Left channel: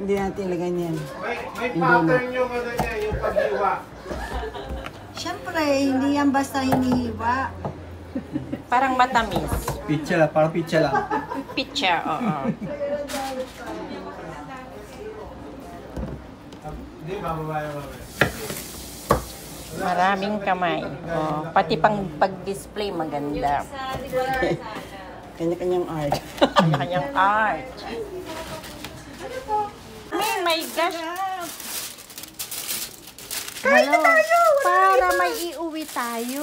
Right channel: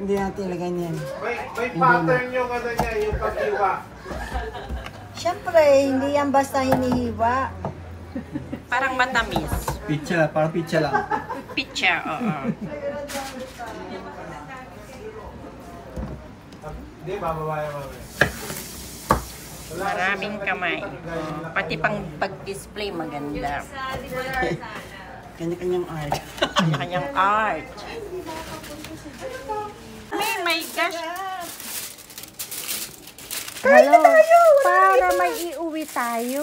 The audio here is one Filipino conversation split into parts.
Hindi natin ilagay niyan. May pattern yung ano niya, yung paghiwa. Siyempre, hindi yan basta hinihiwa. Parang matamis. Pizza, parang pizza lang. Pizza, oo. Hindi, mamamaya. Maraming kamay. Oh, pati pang pag-display maganda. Kanya-kanyang art. Kanya-kanyang art. Oh my gosh. Hello. Para may iuwi tayo.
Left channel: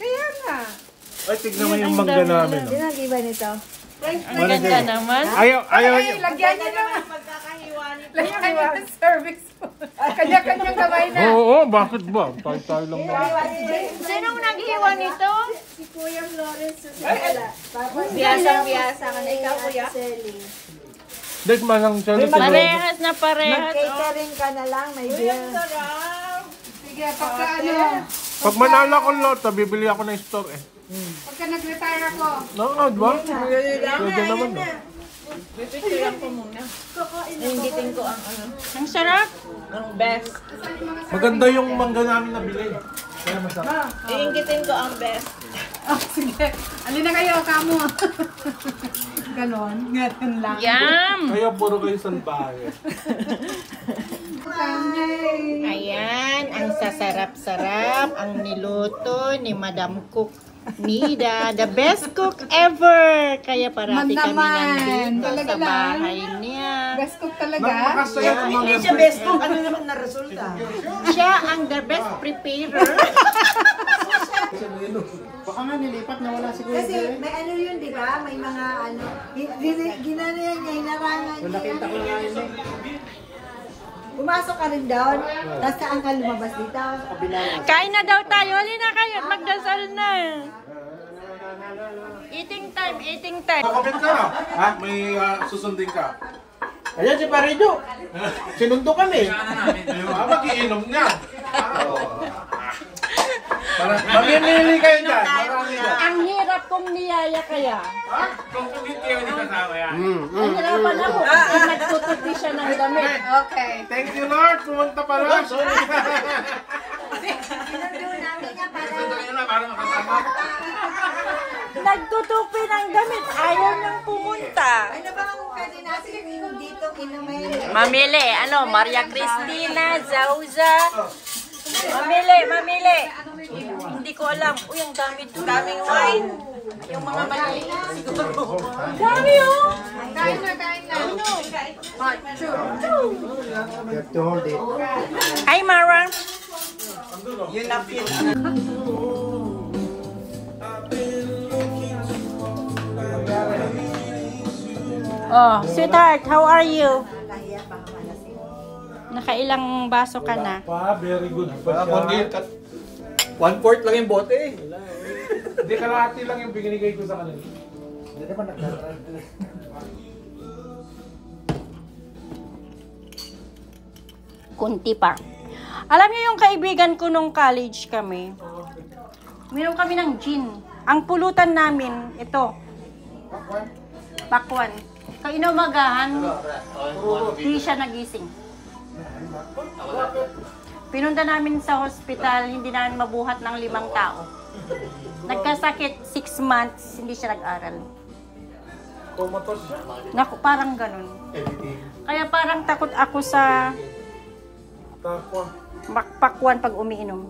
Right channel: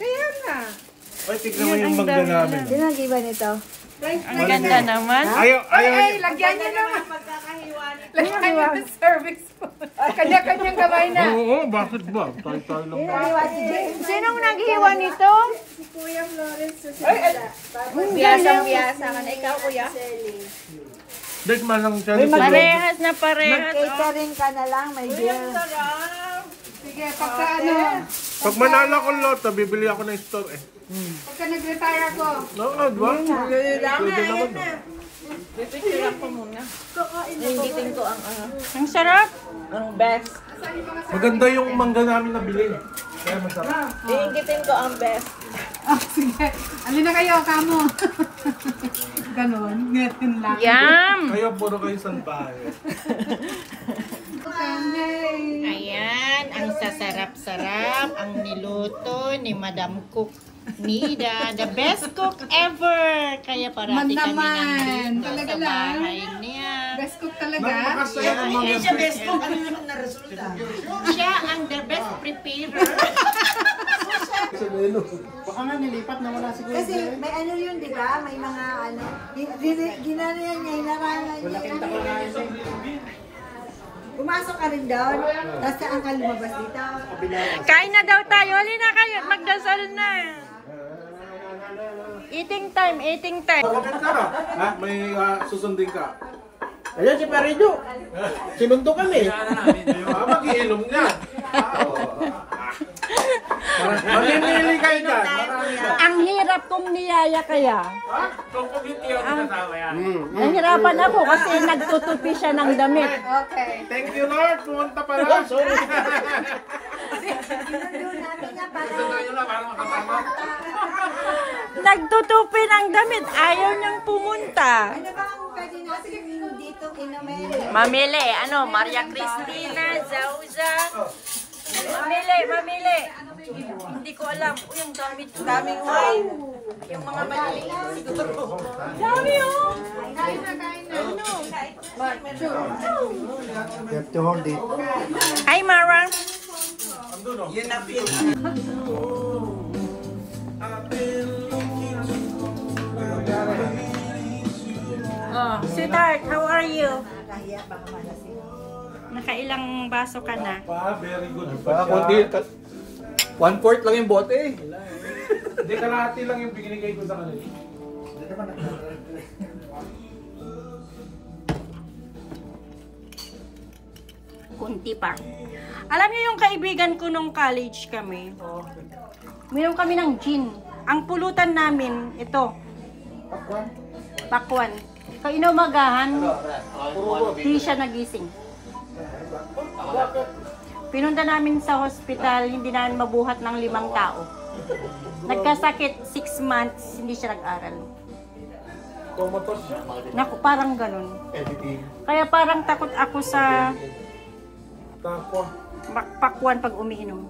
Kaya nga. Ay, tignan mo yung mangga namin. Sino nag-iba nito? Ang ganda naman. Ayaw niya. Lagyan niyo naman. Lagyan niyo ng service po. Kanya-kanyang kamay na. Oo, bakit ba? Tayo lang. Sinong naghiwa nito? Si Kuya Florence Susela. Biyasang-biyasa ka na. Ikaw, kuya? Dahil manang siya. Parehas na parehas. Mag-catering ka na lang, may beer. Sige, pagka ano, Pag manala ko loto, bibili ako ng store eh. pagka nag-retire ako. Nakakad ba? Ayan na. Naingitin ko ang Ang sarap. best. Maganda yung mangga namin nabili. Kaya masarap. Naingitin ko ang best. Oh, sige. Alin na kayo, kamo. Ganon. Ngayon lang. Yum! Kaya puro kayo salbahe. Ayan, ang sasarap-sarap, ang niluto ni Madam Cook Nida, the best cook ever. Kaya parati kami nandito sa bahay niya. Best cook talaga. Makasaya ang mga Siya best cook, ano naman na resulta? Siya ang the best preparer. Baka nga nilipat na wala si Kuya. Kasi may ano yun, di ba? May mga ano, ginanayan niya, hinarangan niya. Pumasok ka rin doon, tapos saan ka lumabas dito? Kain na daw tayo. Halina kayo, magdasal na. Eating time, eating time. Kapit ka. Ha? May susundin ka. Ayan si Parido. Sinundo kami. Mag-iinom niya. Mamimili kayo dyan. Marami dyan. Ang hirap kong niyaya kaya. Kung kumiti yun, kasama yan. Ang hirapan ako kasi nagtutupi siya ng damit. Okay. Thank you Lord, pumunta pala. Sorry. Sundan nyo na para makasama. Nagtutupi ng damit. Ayaw niyang pumunta. Ano ba ang pwede natin dito inamay? Mamili, ano, Maria Cristina, Zauza. Mamili. Hindi ko alam. Uy, ang dami to. Daming wine. Yung mga maliliit siguro. Dami oh. Kain na. Ano? You have to hold it. Hi, Mara. Yun na feel. Oh, sweetheart, how are you? Nakailang baso ka na? Very good. Parang konti. 1/4 lang yung bote eh. Hindi, kalahati lang yung binigay ko sa kanila. Kunti pa. Alam niyo yung kaibigan ko nung college kami? Minom kami ng gin. Ang pulutan namin, ito. Pakwan. Kainumagahan, di siya nagising. Pinunta namin sa hospital, hindi namin mabuhat ng 5 tao. Nagkasakit 6 months, hindi siya nag-aral. Tomatos. Naku, parang ganun. Kaya parang takot ako sa Takwa. pakwan pag umiinom.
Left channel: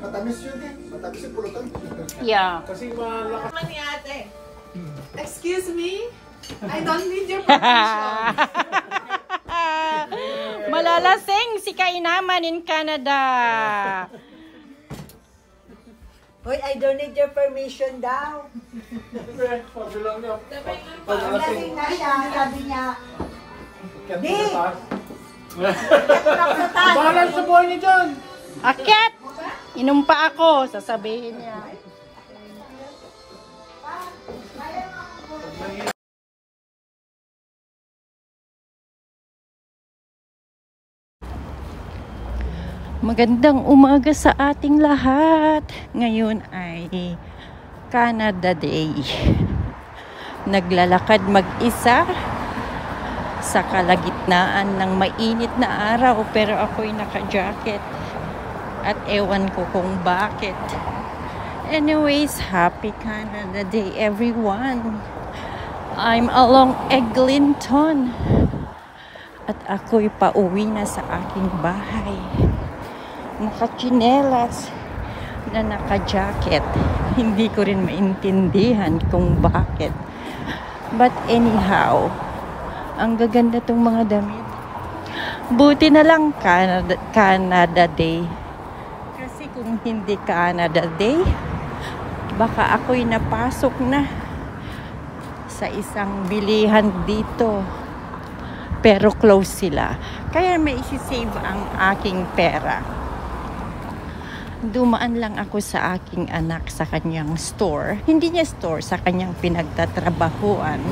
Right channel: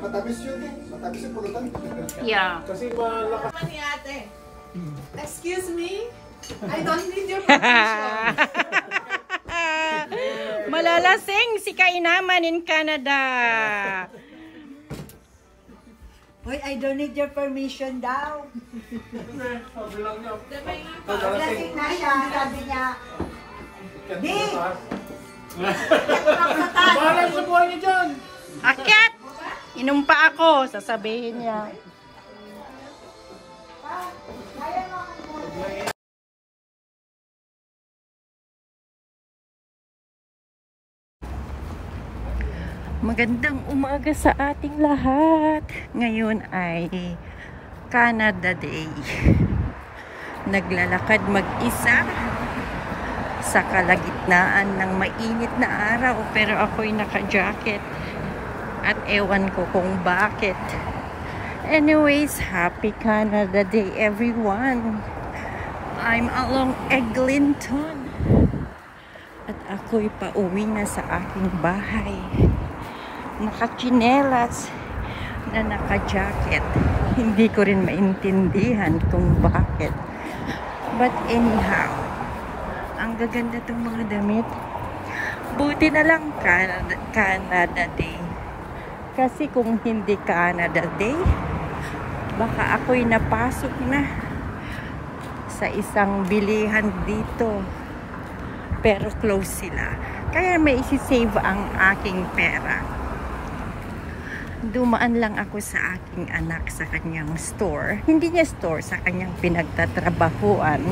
Matamis yun eh. Matamis yung pulutan. Yeah. Kasi malakas. Mani ate. Excuse me? I don't need your permission. Malalasing si Kainaman in Canada. Hoy, I don't need your permission daw. Sabi lang niya. Paglasing na siya, sabi niya, di! Bahala sa buhay niya dyan. Akyat! Inom pa ako, sasabihin niya. Magandang umaga sa ating lahat. Ngayon ay Canada Day. Naglalakad mag-isa sa kalagitnaan ng mainit na araw, pero ako'y naka-jacket at ewan ko kung bakit. Anyways, happy Canada Day everyone. I'm along Eglinton at ako'y pauwi na sa aking bahay. Nakachinelas na naka-jacket. Hindi ko rin maintindihan kung bakit. But anyhow, ang gaganda tong mga damit. Buti na lang Canada Day. Kasi kung hindi Canada Day, baka ako'y napasok na sa isang bilihan dito. Pero close sila. Kaya may isi-save ang aking pera. Dumaan lang ako sa aking anak sa kanyang store. Hindi niya store, sa kanyang pinagtatrabahuan.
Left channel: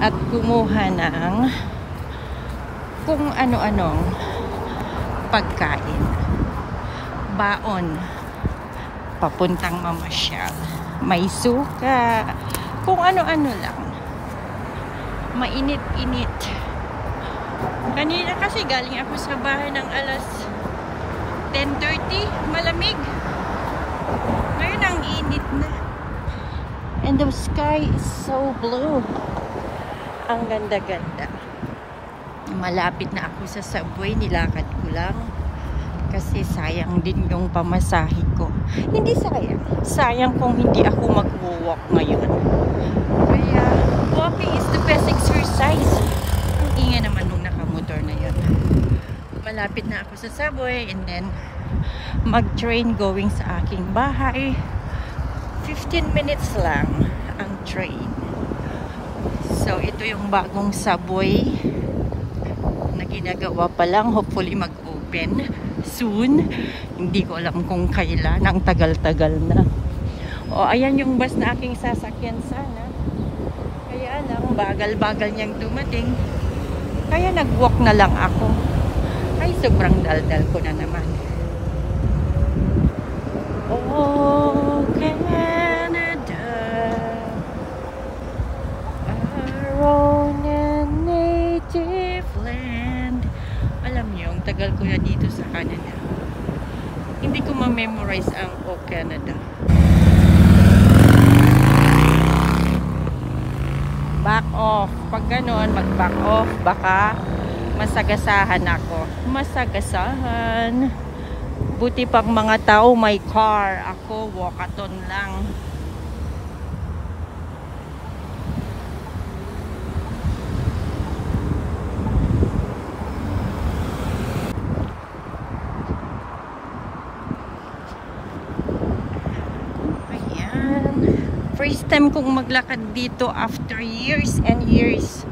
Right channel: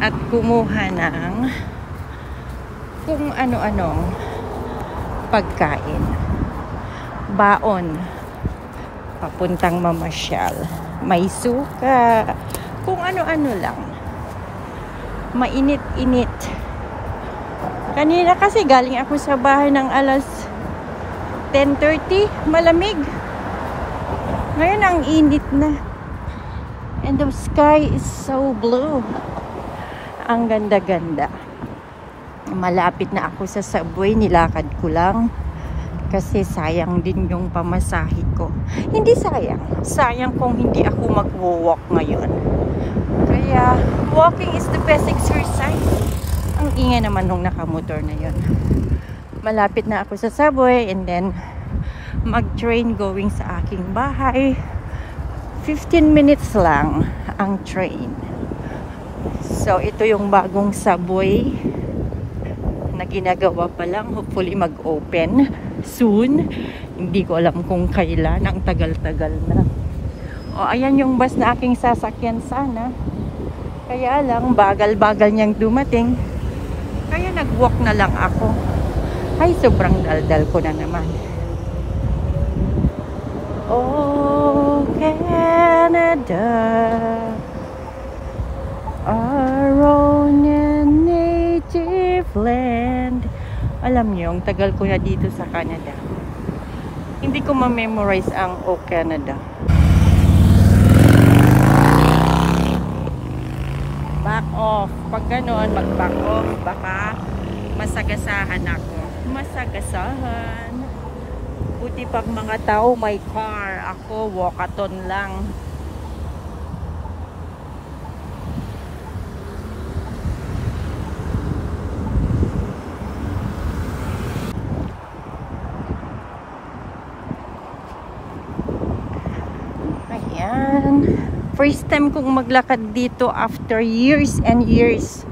At kumuha ng kung ano-anong pagkain. Baon. Papuntang mamasyal. May suka. Kung ano-ano lang. Mainit-init. Kanina kasi galing ako sa bahay ng alas 10:30. Malamig. Ngayon ang init na. And the sky is so blue. Ang ganda-ganda. Malapit na ako sa subway. Nilakad ko lang. Kasi sayang din yung pamasahe ko. Hindi sayang. Sayang kung hindi ako mag-walk ngayon. Kaya walking is the best exercise. Ang ingay naman nung nakamotor na yun. Malapit na ako sa subway and then mag-train going sa aking bahay. 15 minutes lang ang train. So ito yung bagong subway na ginagawa pa lang. Hopefully mag-open soon. Hindi ko alam kung kailan. Ang tagal-tagal na. O ayan yung bus na aking sasakyan sana. Kaya lang bagal-bagal niyang dumating. Kaya nag-walk na lang ako. Ay, sobrang daldal ko na naman. Oh, Canada, our own native land. Alam niyo, ang tagal ko na dito sa Canada. Hindi ko ma-memorize ang Oh, Canada. Back off. Pag gano'n, mag-back off, baka masagasahan ako. Masagasahan. Buti pag mga tao may car. Ako, walkathon lang. Ayan. First time kong maglakad dito after years and years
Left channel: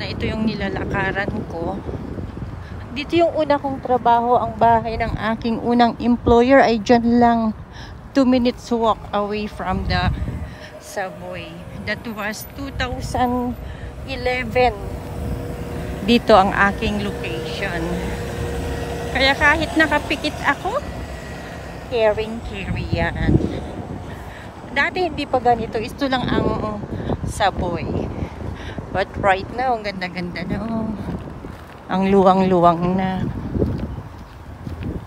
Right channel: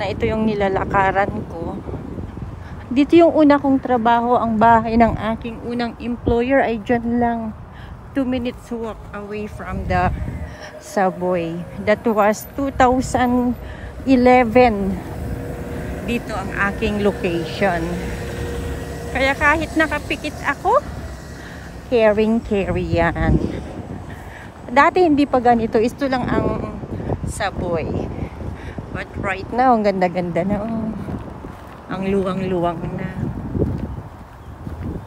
na ito yung nilalakaran ko. Dito yung una kong trabaho, ang bahay ng aking unang employer ay dyan lang. 2 minutes walk away from the subway. That was 2011. Dito ang aking location. Kaya kahit nakapikit ako, caring-carry yan. Dati hindi pa ganito. Ito lang ang subway. But right now, ang ganda-ganda na. Oh. Ang luwang-luwang na.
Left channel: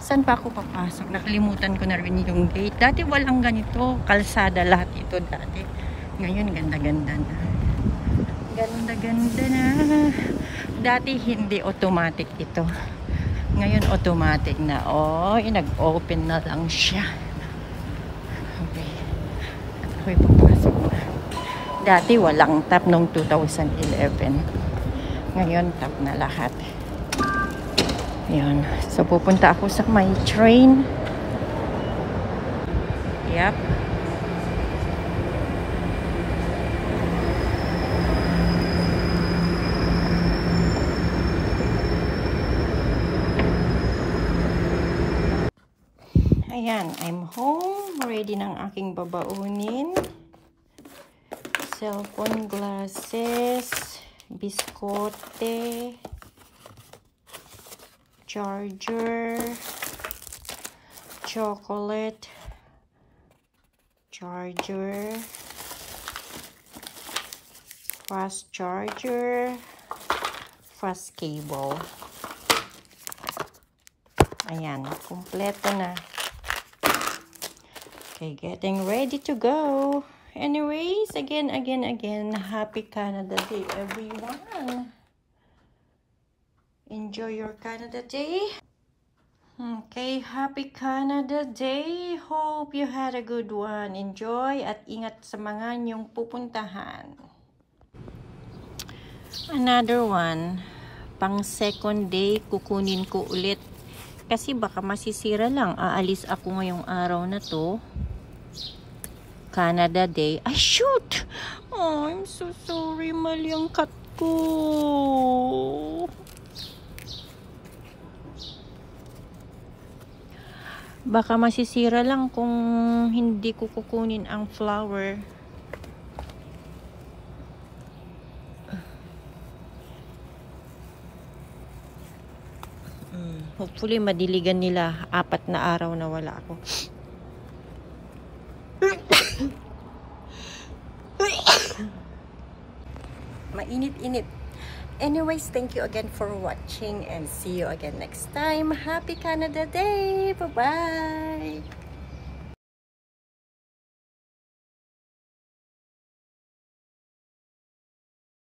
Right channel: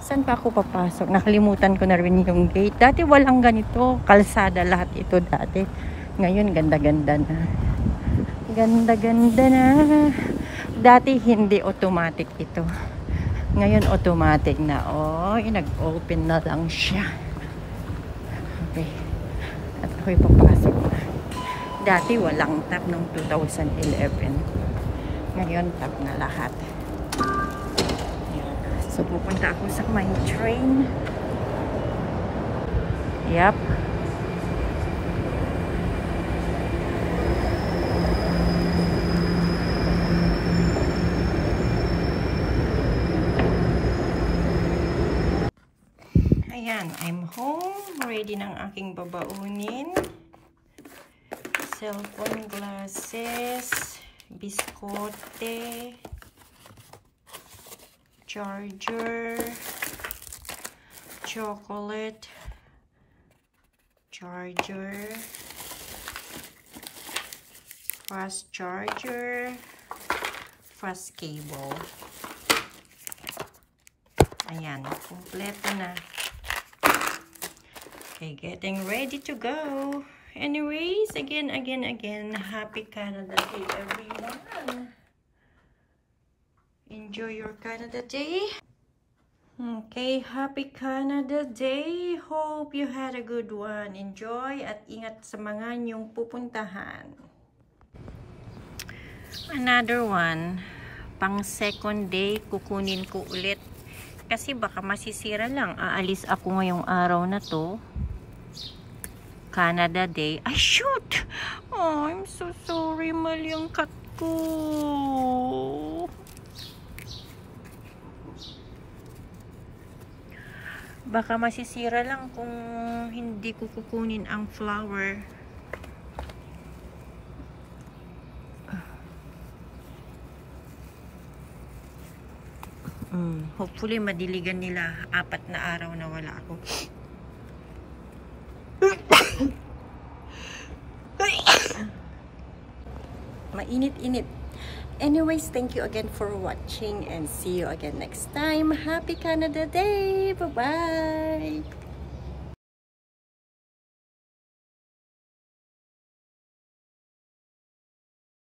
Saan pa ako papasok? Nakalimutan ko na rin yung gate. Dati walang ganito. Kalsada lahat ito dati. Ngayon, ganda-ganda na. Ganda-ganda na. Dati hindi automatic ito. Ngayon, automatic na. Oh, nag-open na lang siya. Okay. At ako'y papasok na. Dati walang tap nung 2011. Ngayon tap na lahat. Yan. So pupunta ako sa my train. Yep. Ayan, I'm home. Ready ng aking babaunin. Cellphone, glasses, biskote, charger, chocolate, charger, fast charger, breakfast cable. Ayan, kumpleto na. Okay, getting ready to go. Anyways, again, happy Canada Day, everyone. Enjoy your Canada Day. Okay, happy Canada Day. Hope you had a good one. Enjoy at ingat sa mga inyong pupuntahan. Another one. Pang second day, kukunin ko ulit. Kasi baka masisira lang. Aalis ako ngayong araw na to. Canada Day. Ay, shoot! Oh, I'm so sorry. Mali ang cut ko. Baka masisira lang kung hindi ko kukunin ang flower. Hopefully madiligan nila. 4 na araw na wala ako. Mainit-init. Anyways, thank you again for watching and see you again next time. Happy Canada Day! Bye-bye!